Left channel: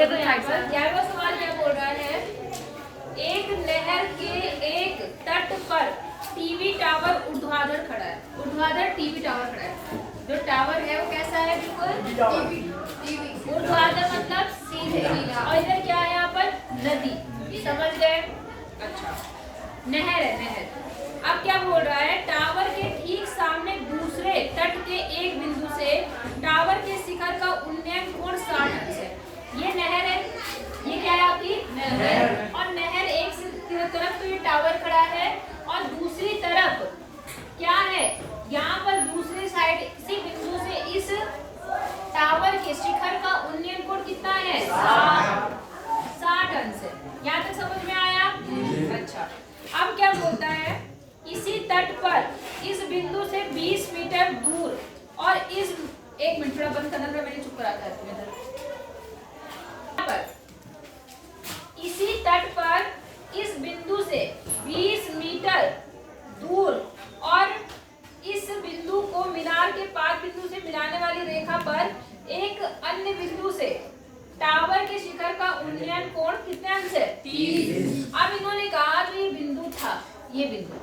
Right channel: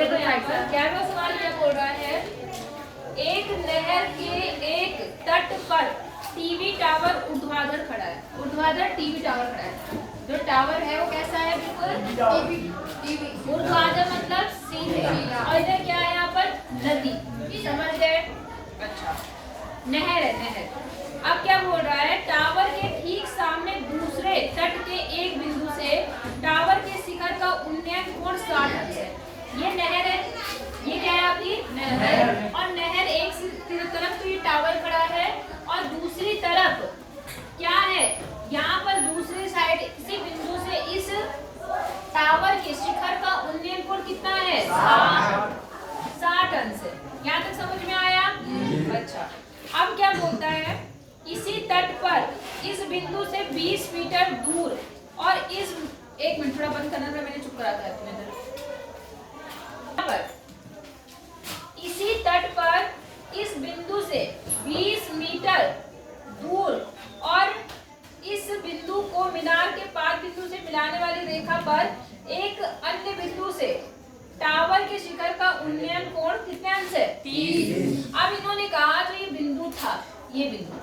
देखो यहाँ पर 11वां सवाल क्या बोल रहा है, एक नहर के एक तट पर टीवी टावर ऊर्ध्वाधर खड़ा है। ऊर्ध्वाधर टीवी टावर खड़ा है। जो टावर है वो कैसा है? बिल्कुल टीवी। ऊर्ध्वाधर मतलब सीधे। और इधर क्या है? यहाँ पर नदी। समझ गए? अच्छा, नहर है, नहर। अब क्या बोल रहा है, टावर के ठीक सामने दूसरे तट के एक बिंदु से टावर के शिखर का उन्नयन कोण 60 अंश है। ये नहर है, ये क्या है आपकी? नहर। और नहर एक तरफ तो ये टावर खड़ा है और दूसरी तरफ क्या है? यहाँ पर दूसरी साइड इसी बिंदु से इस टावर के शिखर का उन्नयन कोण कितना है? 60 अंश है। यहाँ तक समझ में आया? अच्छा, अब क्या बोलता है, इसी तट पर इस बिंदु से 20 मीटर दूर और इस, एक मिनट थोड़ा बंद करना था, मैंने चुप करा दिया आपको इधर। इसी तट पर इस बिंदु से 20 मीटर दूर और इस बिंदु को मीनार के पाद बिंदु से मिलाने वाली रेखा पर एक अन्य बिंदु से टावर के शिखर का उन्नयन कोण कितने अंश है? 30। अब इन्होंने कहा जो ये बिंदु था, ये बिंदु,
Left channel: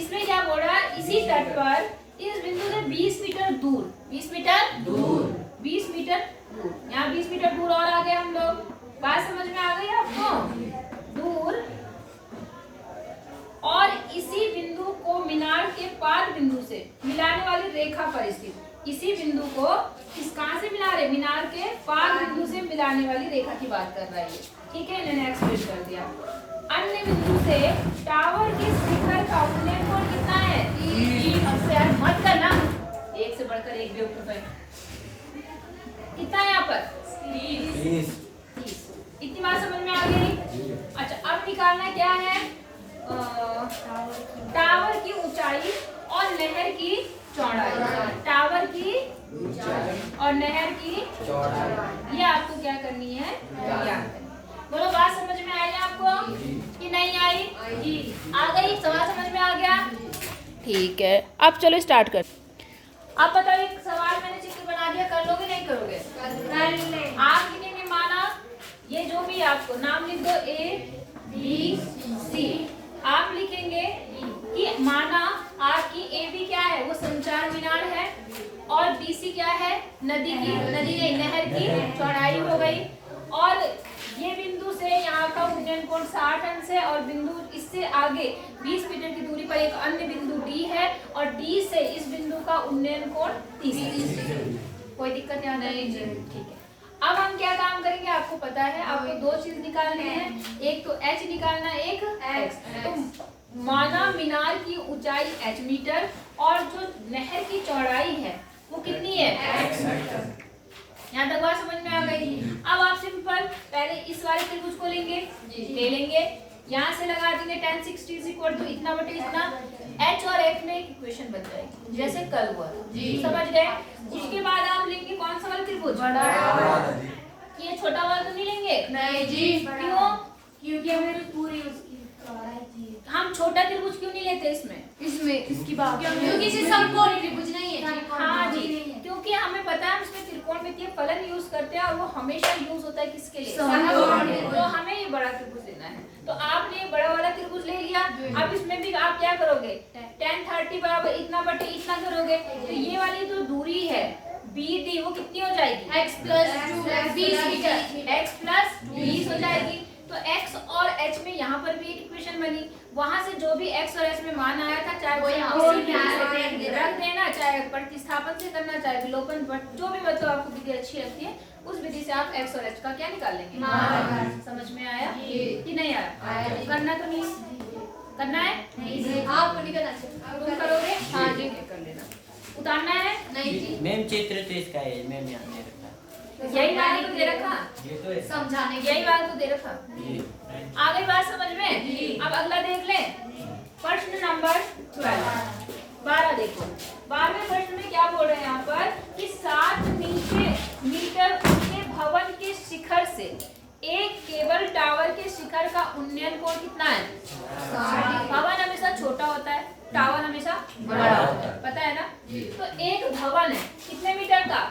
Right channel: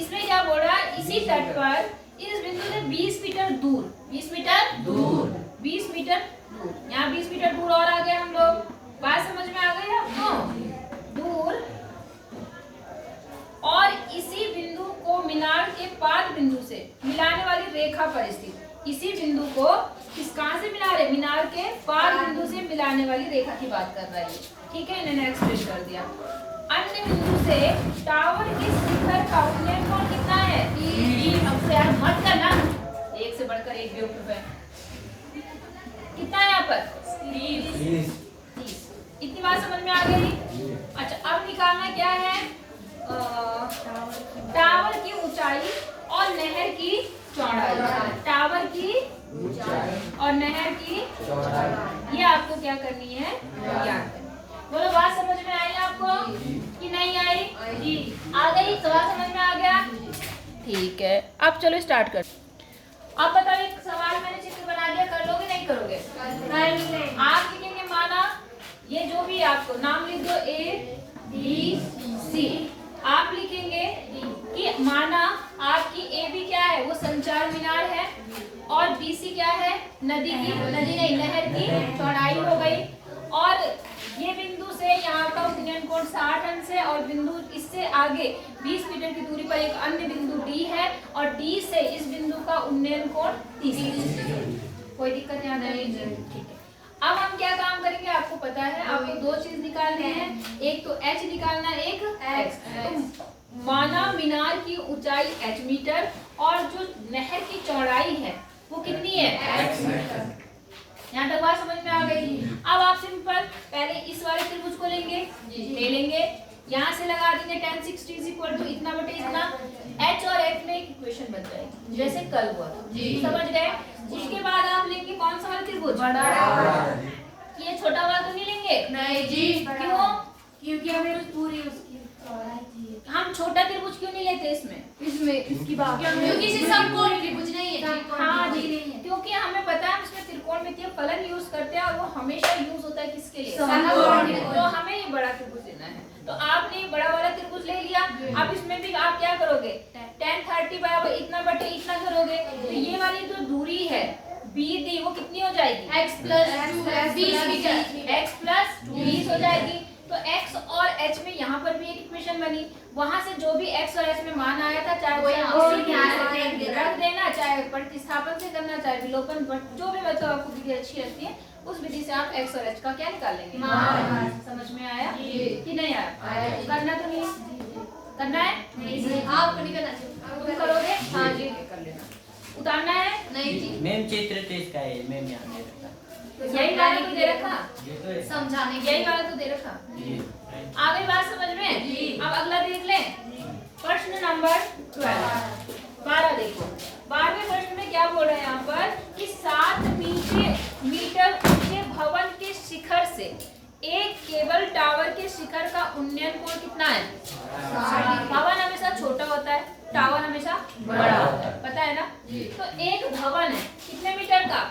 इसमें क्या बोल रहा है, इसी तट पर इस बिंदु से 20 मीटर दूर, 20 मीटर दूर, 20 मीटर दूर, यहाँ 20 मीटर दूर और आ गए हम लोग। बात समझ में आ गई आपको? दूर और इसी बिंदु को मीनार के पाद बिंदु से मिलाने वाली रेखा पर स्थित, इसी बिंदु को किस कहां से मिला रहे? मीनार के पाद बिंदु से मिलाने वाली रेखा की बात कर रहा है। ठीक है, इन्होंने एक्सप्रेस कर दिया। अन्य बिंदु से टावर के शिखर का उन्नयन कोण कितना है? 30। अब यार मत करना, एक से बढ़कर एक बेवकूफ है। कितना है यहाँ पर? 30। इतनी बात समझ में आ गई? अच्छा, अब निकालना क्या है? टावर की ऊंचाई और नहर की चौड़ाई। टावर की और नहर की चौड़ाई, ये आपको क्या करनी है? ज्ञात करनी। बोलो, बात समझ में आई आपको कि नहीं आई? जी, आ गई? सवाल समझ में आ गया? ठीक है, अब चलो स्टार्ट कर। अब बताओ, एक सवाल मैंने चित्र बना दिया, कर लोगे नहीं करोगे? आप लिखेंगे माना, ये जो भी आपको नाम लिख दो, A B C। आप लिखेंगे कि माना आपकी AB क्या है? वो संचार मीनार है और BC क्या है? नदी की, नदी नहीं, नहर की चौड़ाई हो गई। और ये बिंदु से यहाँ का उन्नयन कोण 60 अंश है और बिंदु इससे आगे 20 मीटर की दूरी पर एक अन्य बिंदु D है और D से इस बिंदु का उन्नयन कोण 30। कोई दिक्कत यहाँ नहीं? ठीक है, अब हम क्या काम करेंगे आपको पता है, आपको दो चीज निकालनी है, एक तो H निकालना है, एक X। तो माना मीनार की ऊंचाई H मीटर और जो नहर की चौड़ाई है वो कितनी है? X। यहाँ तक बात समझ में आ गई? अब आप सिंपल पहले इस वाले त्रिभुज को लेंगे, ले लेंगे, यहाँ से लगा देंगे tan 60 = इतना बटे इतना। H और F में एक इक्वेशन बन जाएगी, जैसे कल हुआ था। समझ गए? उसके बाद आप लेंगे कौन सा वाला त्रिभुज? ये छोटा वाला तो नहीं लेंगे? नहीं जी। क्यों? क्योंकि हमें पूरी उसकी हम छोटा त्रिभुज क्यों नहीं लेते इसमें इसकी बात, क्योंकि इसे समकोण त्रिभुज नहीं है। हाँ जी, क्योंकि हमें पता है इसमें त्रिकोणमितीय फलन यूज करते हैं और वो हमेशा यूज होता है किसके लिए? तो हमें ये बड़ा त्रिभुज लेना है, तो आपने ये बड़ा वाला त्रिभुज ले लिया। अब इसमें भी आप क्या करोगे? tan 30 बराबर इतना बटे इतना करोगे, तो ये वाली जो दूरी है BD वो कितनी हो जाएगी? x + 20 मीटर, x + 20 हो जाएगी। तो x और h में यहाँ पर भी एक इक्वेशन बनी, वहां से जो भी x और h में मान आया था, चाहे वो यहाँ रख देना, चाहे प्रतिस्थापन से करना, चाहे विलोपन, जो भी मतलब आपको विधि अच्छी लगती है उस विधि से आप x और h का क्या निकाल लेंगे? समझ में आया कि नहीं आया? करना तो नहीं, करना है? आपको नहीं करना, तुम करोगे? हाँ जी, कर लेना। उतारना है? नहीं जी मैम, चित्र तो इसका है, मैम यहाँ दे रखा, यही वाला तो दे रखा, समझाने यही वाला तो दे रखा। आगे बात समझ में? अब अगला देख लें, प्रश्न नंबर 12 देखो। 12वें प्रश्न में क्या बोल रहे हैं यहाँ पर कि 7 मीटर ऊंचे भवन के शिखर से एक केबल टावर के शिखर का उन्नयन कोण कितना है? भवन हमेशा छोटा होता है, टावर हमेशा बड़ा होता है, पता है ना? तो एक भवन है कितने मीटर का?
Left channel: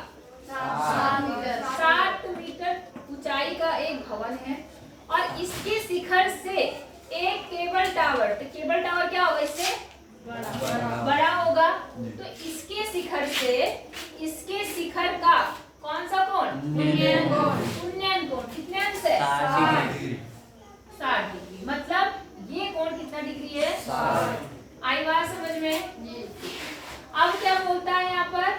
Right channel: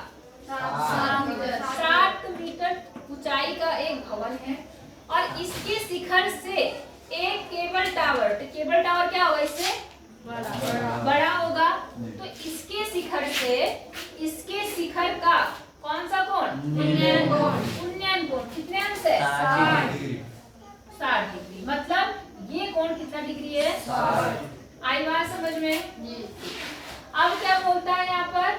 7 मीटर ऊंचाई का एक भवन है और इसके शिखर से एक केबल टावर, तो केबल टावर क्या होगा, इससे बड़ा होगा। तो इसके शिखर से इसके शिखर का कौन सा कोण, उन्नयन कोण। उन्नयन कोण कितने अंश है, 60 डिग्री। मतलब ये कोण कितना डिग्री है, 60। आई बात समझ में। अब क्या बोलता है यहाँ पर,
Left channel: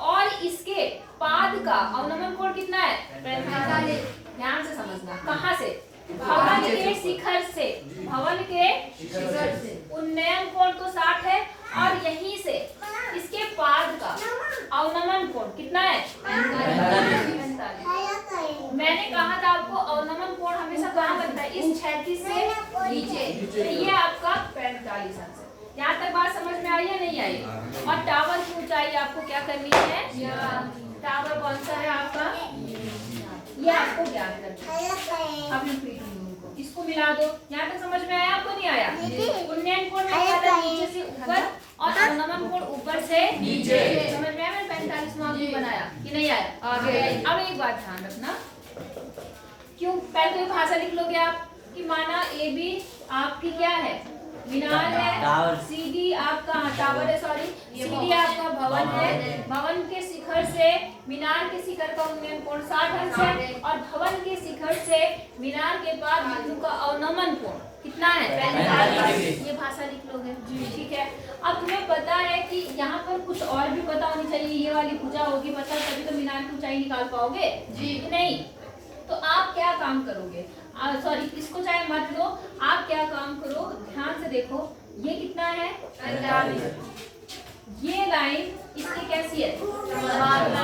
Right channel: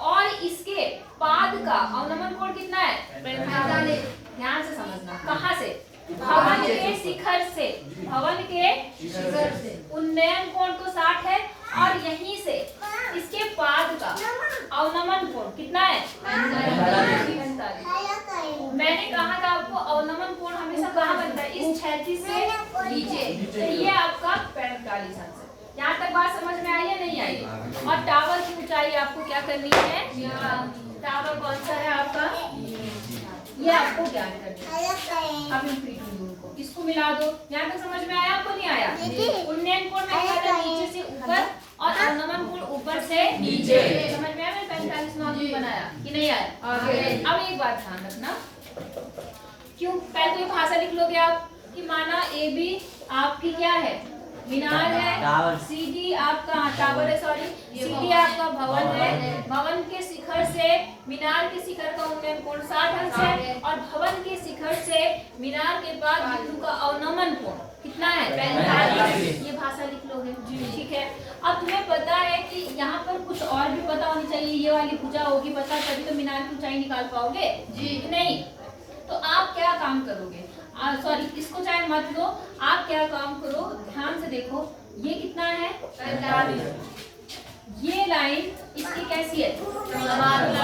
और इसके पाद का अवनमन कोण कितना है, 45। ध्यान से समझना, कहाँ से, भवन के शिखर से, भवन के शिखर से उन्नयन कोण तो 60 है और यहीं से इसके पाद का अवनमन कोण कितना है, 45। मैंने कहा था आपको अवनमन कोण हमेशा कहाँ बनता है, इस क्षैतिज से नीचे। तो ये आपका 45 अंश है। यहाँ तक बात समझ में आई या नहीं आई। और टावर की ऊंचाई आपको क्या करनी है, टावर कौन सा है आपका, ये आपको ज्ञात करना है। अब इनको इसको मिला दो। यहाँ तक समझ में आया आपको, नहीं आया। उन्नयन कोण में क्या था, नीचे से ऊपर और अवनमन कोण ऊपर से नीचे। समझ में आया, मैंने 45 मार्क बनाया कि नहीं आया। अब एक बात ध्यान रखना, क्यों पहले तो ये भाषा लिख लोगे आप कि माना ए बी आपकी क्या है, मीनार है, सीडी आपका टावर है, सॉरी सीडी आपका भवन है। भवन के शिखर से मीनार के शिखर का उन्नयन कोण 60 अंश है और भवन के शिखर से मीनार के बाद बिंदु का अवनमन कोण कितना है, 45। ये भाषा लिख लोगे, ठीक है। अब तुम्हें पता है कि यहाँ पर कुछ और भी पता होनी चाहिए, ये वाली भुजा होगी पता, तभी तो मीनार की ऊंचाई निकाल पाओगे जी। नहीं तो आप क्या काम करोगे, सॉरी इसको चाहे मत लो, आप क्या काम करो, ध्यान से देखो, ये कितना है, 45। ये लाइन इसकी कैसी है,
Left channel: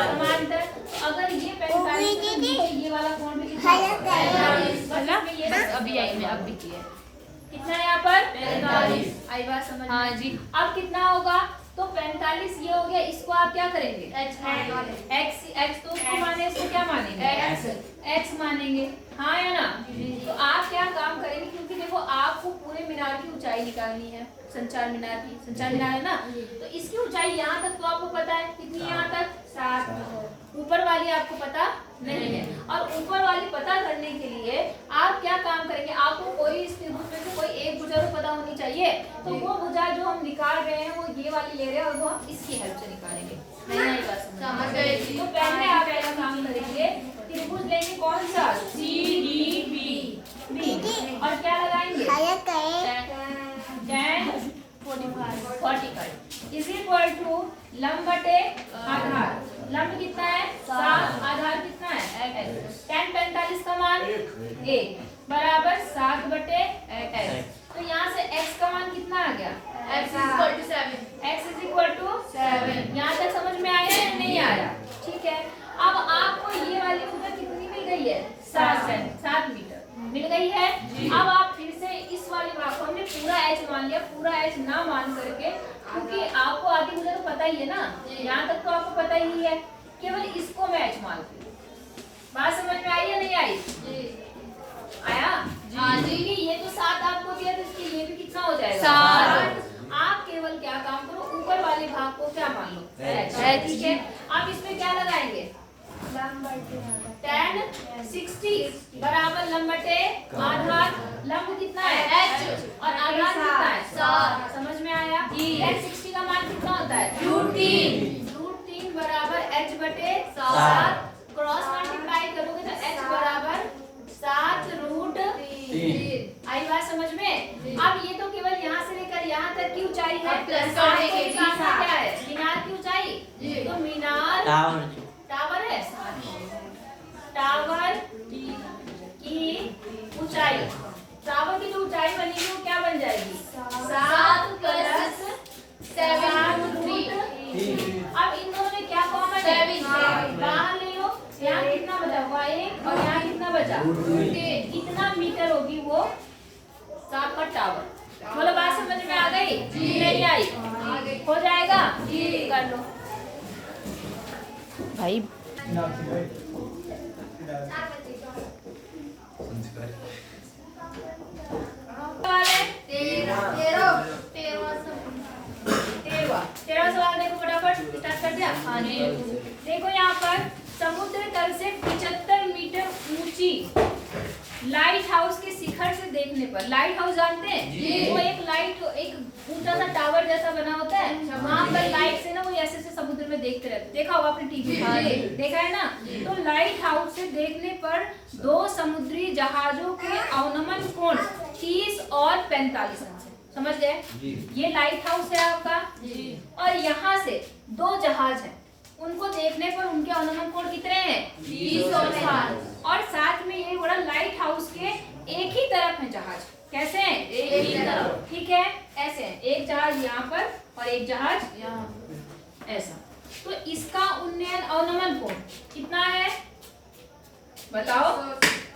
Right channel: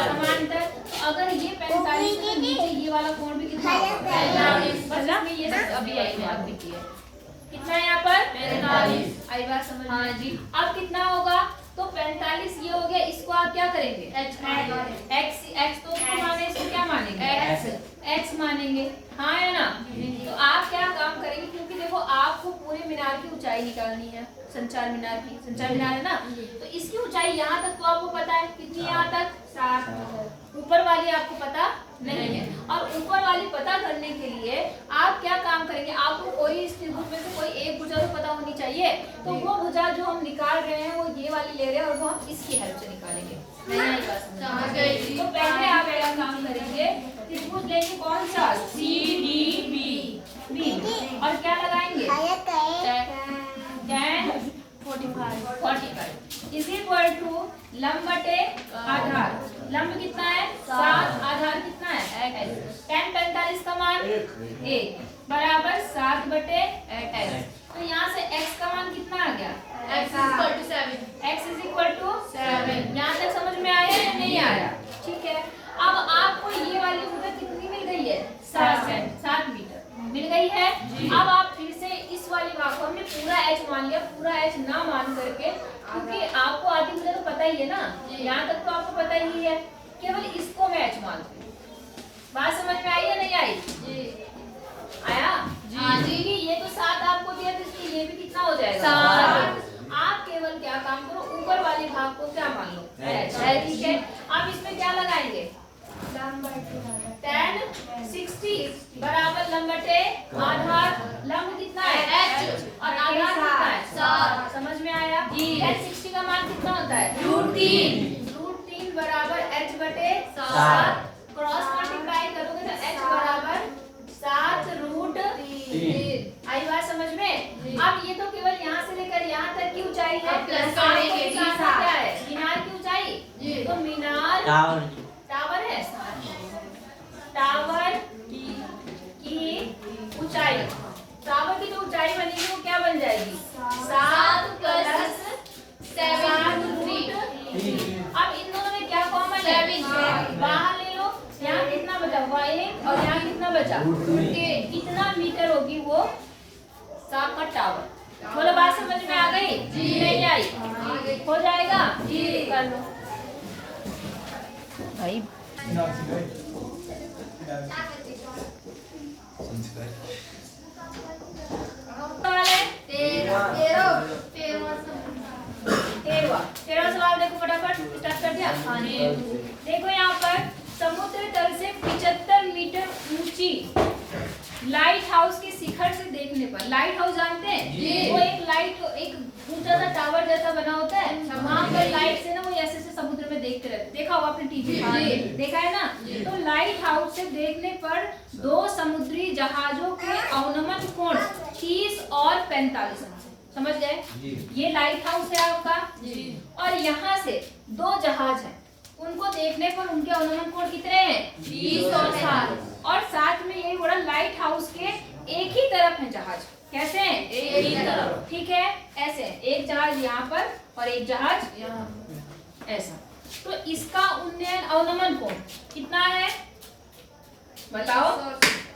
समांतर। अगर ये 45 के नीचे ये वाला कोण भी कितना है, 45। बस ना ये अभी एक बात भी की है, कितना है यहाँ पर, 45। आई बात समझ, हाँ जी। अब कितना होगा, तो 45 ये हो गया, इसको आप क्या करेंगे, x तो उसको माने, इसको क्या मानेंगे, x मानेंगे, हाँ है ना। तो आप क्या काम करेंगे, क्योंकि देखो आपको पूरे मीनार की ऊंचाई निकालनी है, संचार मीनार की, संचार मीनार है ना, तो इसकी ऊंचाई यहाँ तक तो आपको पता है, कितनी यहाँ तक, 60। ऊपर वाली आपको पता नहीं है। और ऊपर वाली पता करने के लिए आप क्या काम करेंगे, आपको कोई इस त्रिभुज में से कोई एक भुजा तो पता होनी चाहिए। तो वो भुजा जो हम निकाल रहे हैं वो ये वाली ले रहे हैं और वो हम इसकी हेल्प से निकालेंगे। नहीं आई बात समझ गई। तो पहले आप ऐसा काम करेंगे, त्रिभुज लेंगे कौन सा, CDB और क्या लगाएंगे, tan 45 इज इक्वल टू लंब बटे आधार। लंब कितना है, 7, आधार कितना है, tan 45 का मान 1 बराबर 7 बटे x। तो यहाँ से x का मान कितना आ गया, x इज इक्वल टू 7। यहाँ तक समझ में आया या नहीं आया, ठीक है। अब आपको ये वाली भुजा कितनी मिल गई है, 7 मीटर मिल गई है। अब आप फिर से इस वाली भाग को हमने पूरा h मान लिया, पूरा h ना मान करके, क्योंकि आपको आधी मुझे तो पता ही है ना, यहाँ तक तो आपको पता ही है, केवल इसको मैं h मानती हूँ। बात समझ में आई या नहीं आई, आया हाँ जी। ये तो 7 आपको दिया, तो इसके ये भी कितना हो जाएगा, 7। आप केवल क्या काम करो, ऊपर वाले भाग को क्या मान लो, ठीक है। आप इसमें क्या लगाएंगे, tan 60 बराबर लंब बटे आधार। लंब कितना है, h और आधार कितना है, 7। समझ में आया, tan 60 का मान कितना होता है, √3 बराबर h बटे 7। क्रॉस मल्टीप्लाई करोगे तो h बराबर 7√3। आई बात समझ में। अब ये तो केवल यहाँ से लेकर यहाँ तक की ऊंचाई है, क्या है, मीनार की ऊंचाई। तो मीनार टावर है, टावर की ऊंचाई, टावर की जो ऊंचाई बनेगी वो क्या बन जाएगी, 7 + 7√3। अब इन दोनों में क्या कॉमन है, बाहर ले लो। यहाँ कितना बचा, 1 और यहाँ कितना बचा, कितना मीटर होगी वो का टावर। बोलो बात समझ में आ गई, नहीं आई, हो जाएगा जी, कर लो भाई। तेरह सवाल देखो, फटाफट स्टार्ट कर दिया। हाँ जी, देखो यहाँ पर समुद्र तल से 75 मीटर ऊंची देखने पर। लाइट हाउस जानते हैं? वो एक लाइट, एक ऊंचा सा टावर जैसा बना होता है, वहां पर लाइट से ना वो ऐसे ऐसे समुद्र में देखते रहते। देखा होगा आपने टीवी में, देखा है ना? तो लाइट हाउस से देखने पर दो समुद्री जहाजों के अवनमन कोण 30 और 45 अंश है। समझ गए? ये लाइट हाउस है आपका, और यहाँ से दो जहाज हैं, उनको देखने पर उनके अवनमन कोण कितने हैं? 30 और 60। और साथ में ये बड़ा लाइट हाउस के एक ही तरफ है जहाज। कैसे हैं? एक ही तरफ। ठीक है, ऐसे है, एक जहाज यहाँ पर और एक जहाज यहाँ, ऐसा। तो इसका उन्नयन अवनमन कोण कितना है बताओ?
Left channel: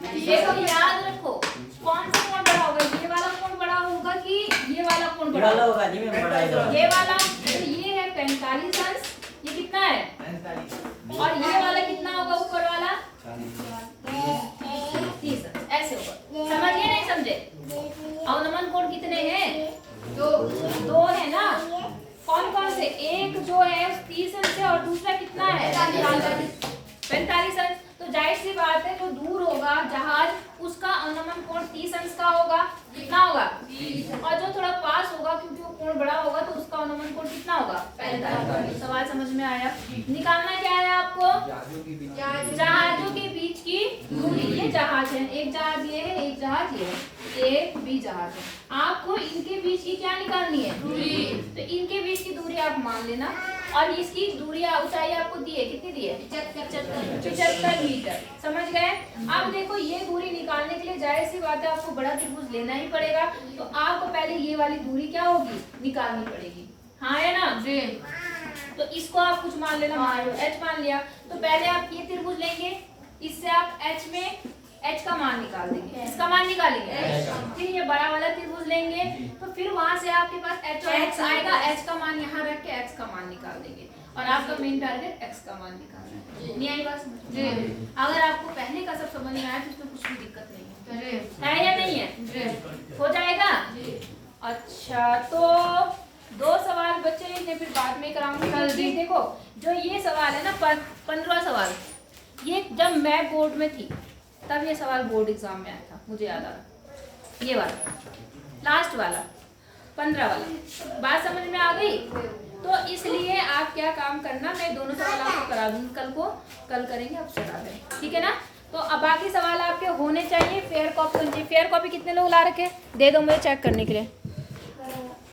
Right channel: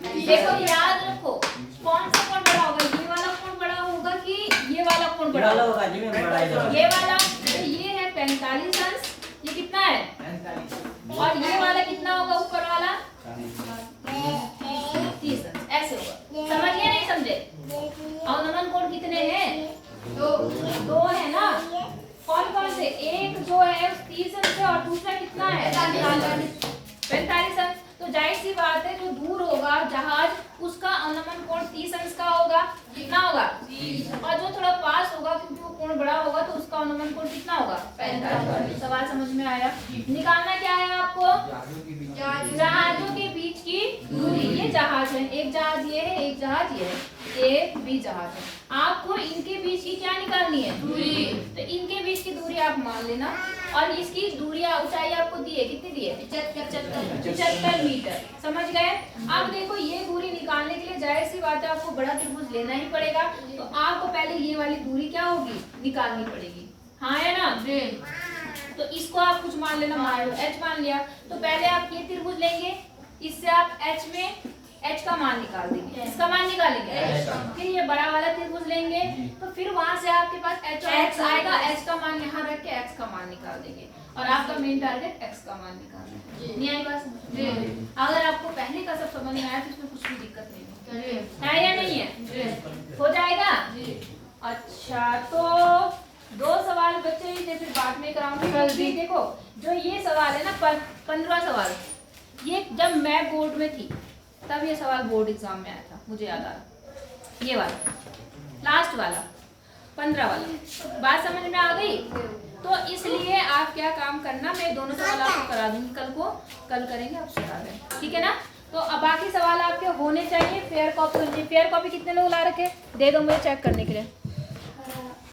देखो याद रखो, कौन सा कोण बड़ा होगा? ये वाला कोण बड़ा होगा कि ये वाला कोण बड़ा होगा जी? मैं बड़ा है ये वाला। तो ये है 45 अंश, ये कितना है? और ये वाला कितना होगा ऊपर वाला? 30 अंश। ऐसे होगा। समझिए नहीं समझे? अवनमन कोण कितने हैं? दो है ना? कौन कौन से? एक जो है 30 अंश है और दूसरा कितना है? 45 अंश। तो जाहिर सी बात है, जो दूर होगा जहाज उसका अवनमन कोण 30 अंश का होगा। कितना होगा? 30। और जो थोड़ा पास होगा, क्योंकि वो कोण बड़ा होगा, तो उसका अवनमन कोण कितना होगा? 45। सवाल समझ में आया? निकालना क्या है आपको? जहाजों के बीच की दूरी। ये जहाज है, एक जहाज ये है, एक जहाज ये है, ए बी जहाज है। आपको इनके बीच की क्या निकालनी है? दूरी। तो इनके बीच की दूरी आप मान लेना, और इसकी दूरी ऊंचाई आपको दी है, कितनी दी है? 75 मीटर। समझ गए? अब देखो, ये दूरी निकालने के लिए जाहिर सी बात है आपको बड़ा त्रिभुज लेना ही पड़ेगा। तो आपको पहले ये वाली दूरी क्या होगी? निकालनी पड़ेगी। हाँ है ना? तो इसको आप कुछ मान लेना, मान लो h मान लिया। तो पहले आप ये त्रिभुज लेंगे, इससे आप h में h का मान निकाल देंगे। इसका मान निकालेंगे। फिर ये बड़ा वाला त्रिभुज लेंगे, तो फिर वहां से आपके पास h और x आएगा। h का मान यहाँ रख के x का मान निकाल देंगे, और आपका मेन टारगेट x का मान निकालना है। नहीं आई बात समझ? अगर आपको पहले का सब समझ में आया तो इसमें कुछ भी दिक्कत नहीं है या नहीं है? हो जाएगा? अच्छा, तो 2 सवाल बचे, इसे फिर बाद में कराऊंगी जल्दी। देखो, जो ये सवाल है ना, 15वां सवाल, ये जब मैं बोर्ड में थी तब ये सवाल बोर्ड एग्जाम में आया था, मुझे याद आ रहा। ये वाला लास्ट वाला 15 वाला, बात समझ में आ गई? तो इसलिए आप क्या काम करना, मैं दोनों सवाल आपको करा दूंगी कल करेंगे, आप करा दें। ठीक है ना? तो अब बाकी सवाल आपके होने चाहिए। फेयर कॉपी कितने लोग ला रखे? दे दो मुझे चेक करने के लिए।